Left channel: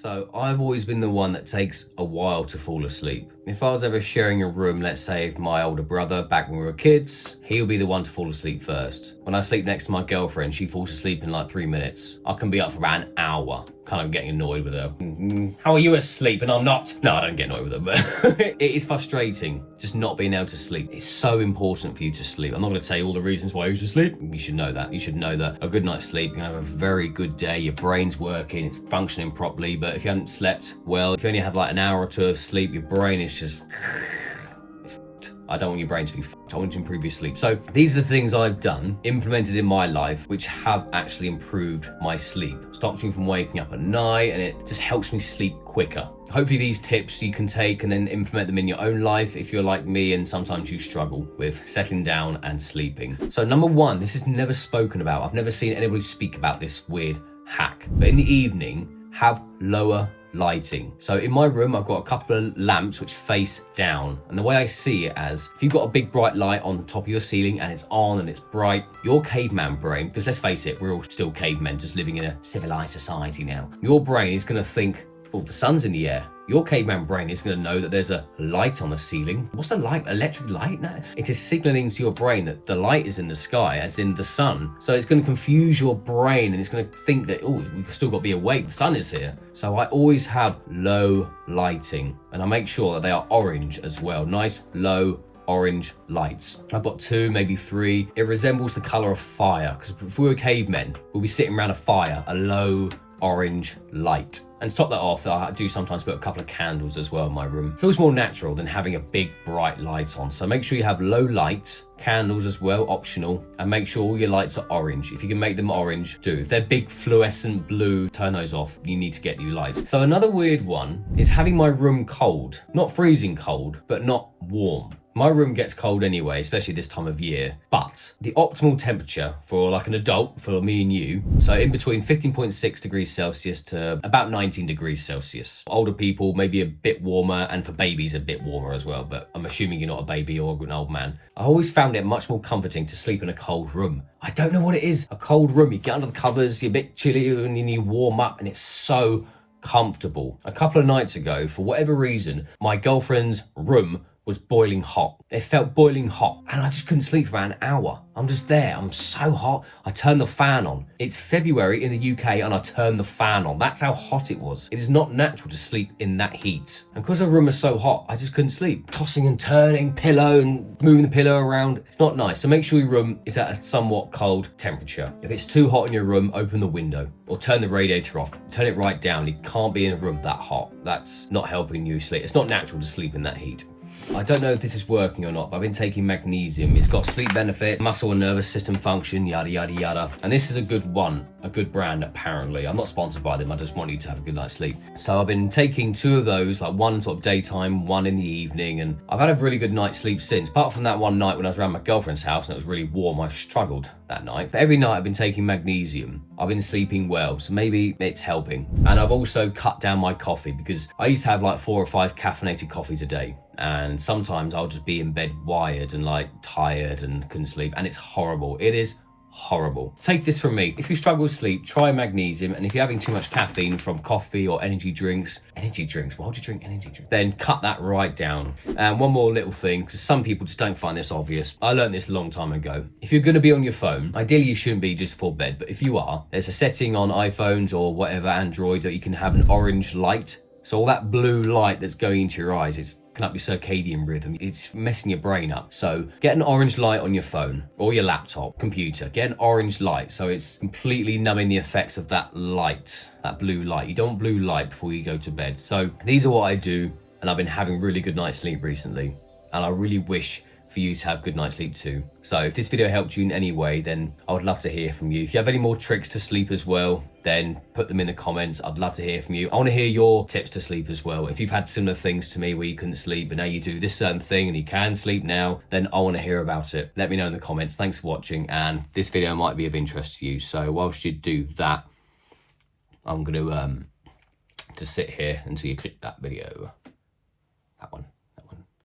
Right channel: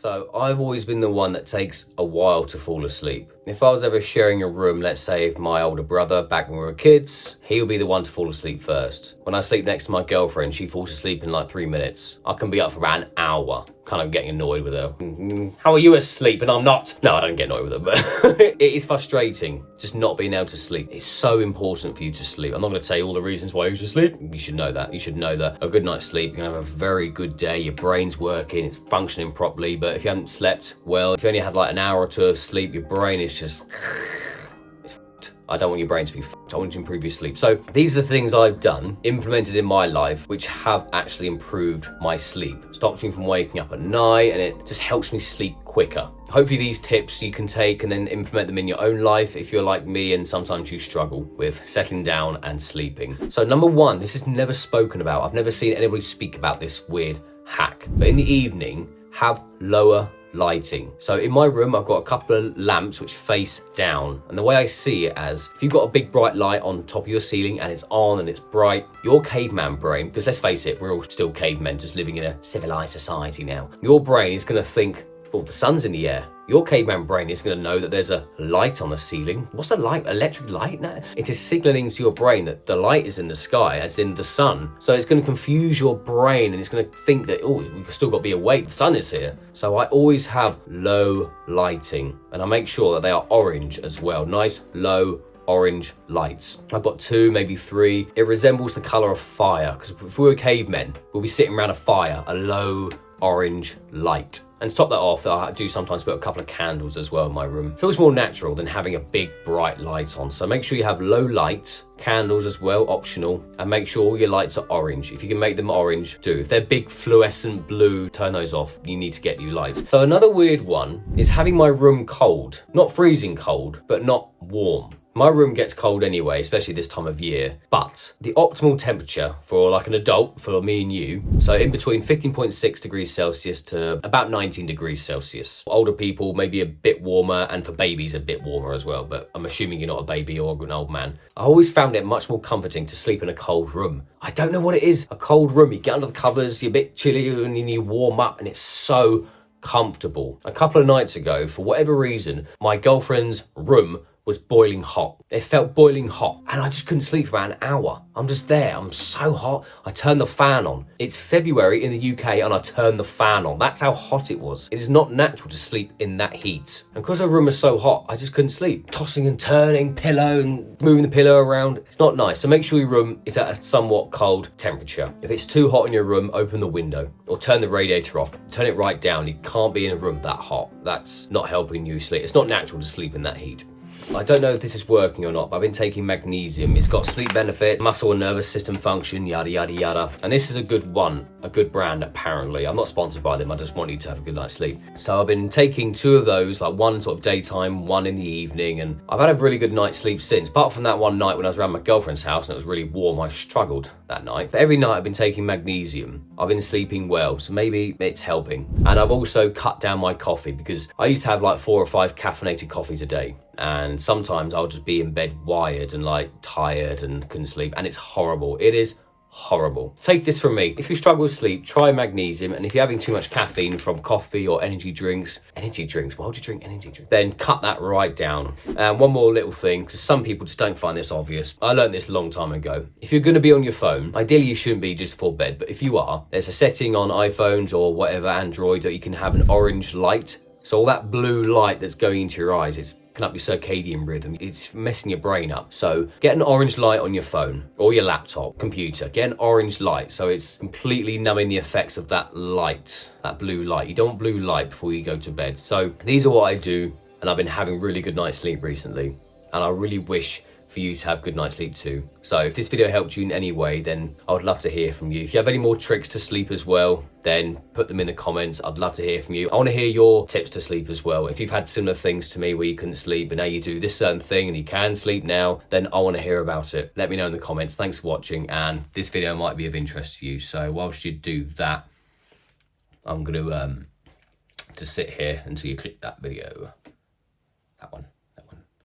So I've always been the one that takes a while to fall asleep. If I was ever sharing a room, let's say with my older brother back when we were kids, he'll be the one to fall asleep first. When I sleep next to my girlfriend, she falls asleep in like 3 minutes. I can be up for about an hour, kind of getting annoyed with her. How are you asleep and I'm not? No, I don't get annoyed with her, but it is frustrating just not being able to sleep. It's so important for you to sleep. I'm not going to tell you all the reasons why you should sleep. You should know that. You should know that a good night's sleep, you're going to have a very good day. Your brain's working, it's functioning properly. But if you haven't slept well, if you only have like an hour or two of sleep, your brain is just... I don't want your brain to be fucked. I want you to improve your sleep. So these are the things I've done, implemented in my life, which have actually improved my sleep. Stops me from waking up at night, and it just helps me sleep quicker. Hopefully these tips you can take and then implement them in your own life if you're like me and sometimes you struggle with settling down and sleeping. So number one, this is never spoken about. I've never seen anybody speak about this weird hack. But in the evening, have lower lighting. So in my room, I've got a couple of lamps which face down. And the way I see it as, if you've got a big bright light on top of your ceiling and it's on and it's bright, your caveman brain, because let's face it, we're all still cavemen just living in a civilized society now. Your brain is going to think, well, the sun's in the air. Your caveman brain is going to know that there's a light on the ceiling. What's a light? Electric light? No. It is signaling to your brain that the light is in the sky, as in the sun. So it's going to confuse your brain and it's going to think that, oh, we've still got to be awake. The sun is here. So I always have low lighting and I make sure that they are orange as well. Nice, low, orange lights. I've got 2, maybe 3. It resembles the color of fire because if we were cavemen, we'll be sitting around a fire, a low orange light. And to top that off, I do sometimes put a couple of candles as well in my room. Feels more natural than having a big bright light on. So make sure you have low lights, candles as well, optional, and make sure all your lights are orange. If you can make them orange, do. If they're big fluorescent blue, turn those off. You need to get new lights. So another weird one is having my room cold. Not freezing cold, but not warm. My room gets cold anyway, especially this time of year, but the optimal temperature for like an adult, for me and you, so in between 15.6 degrees Celsius to about 19 degrees Celsius. Older people, maybe a bit warmer, and for babies, a bit warmer as well, but I'm assuming you're not a baby or an old man. I always found it much more comforting to sleep in a cold room. I don't know what it is. A cold room, you get under the covers, you're a bit chilly, and then you warm up, and it's so comfortable. A couple of nights ago, for whatever reason, my girlfriend's room was boiling hot. It felt boiling hot and I just couldn't sleep for about an hour. I'm just there, I'm so hot. I turned the fan on. It's February in the UK and I turned the fan on. That's how hot it was. It is not natural to sleep in that heat. And because the room was so hot, I just couldn't sleep. Tossing and turning, pillow and moving the pillow around. It's not nice. So make sure your room is at a somewhat cold temperature. If it's too hot in your room, open the window or turn the radiator off. Turn it right down. You can't be in a room that hot. That's not helping you sleep. It's not natural to sleep in that heat. I don't know if this is working or not, but I've been taking magnesium. It's got sleep benefits, muscle and nervous system function, yada, yada, yada. And this is a good one, a good brand, apparently. I'm not sponsored by them. I just want you to have a good night's sleep. So I've been taking 2 of those, like one sort of daytime, one in the evening. And I've had a really good night's sleep since. Apart from that one night when I was around my girlfriend's house and it was really warm, I struggled that night. For every night I've been taking magnesium, I've been sleeping well. So maybe it's helping. And I've also cut down my coffee because I used to have like 4 or 5 caffeinated coffees a day. And sometimes I'll just be in bed wired and like tired and couldn't sleep. And it's horrible. It is horrible. Take this from me. If you struggle with sleep, try magnesium. And if you're having too much caffeine from coffee or energy drinks, why would you drink energy drinks? Then cut that right down. And one more little thing, because some people just don't find this obvious. I learned this a long time ago. If you're going to be on your phone, ideally you shouldn't be just before bed. But if you are, there's a setting on iPhones or whatever, Android, that you can have an orange light. So all that blue light that's going into your eyes, it's up your circadian rhythm. It's messing your brain up. So get an orange light on your phone or your laptop, computer. Get an orange light so it's completely numbing the effects of that light, that blue light. You don't want blue light before you go to bed. So these are what I do, and I've been having really good night's sleep recently. And I really wish for you to have good night's sleep too. So if this video helped you in any way, then I would love to hear from you. If you have any more tricks to sleep as well, then put them in the comments. I'd love to hear from you. I want to hear your tips to sleep as well. If you've had similar things to me where you couldn't sleep, but now you do this certain thing and you can sleep now, then I want to hear about it. Let me know in the comments. Thanks for watching, and this video might be of interest to you. So whilst you do that, I'm going to sit here until you click that video.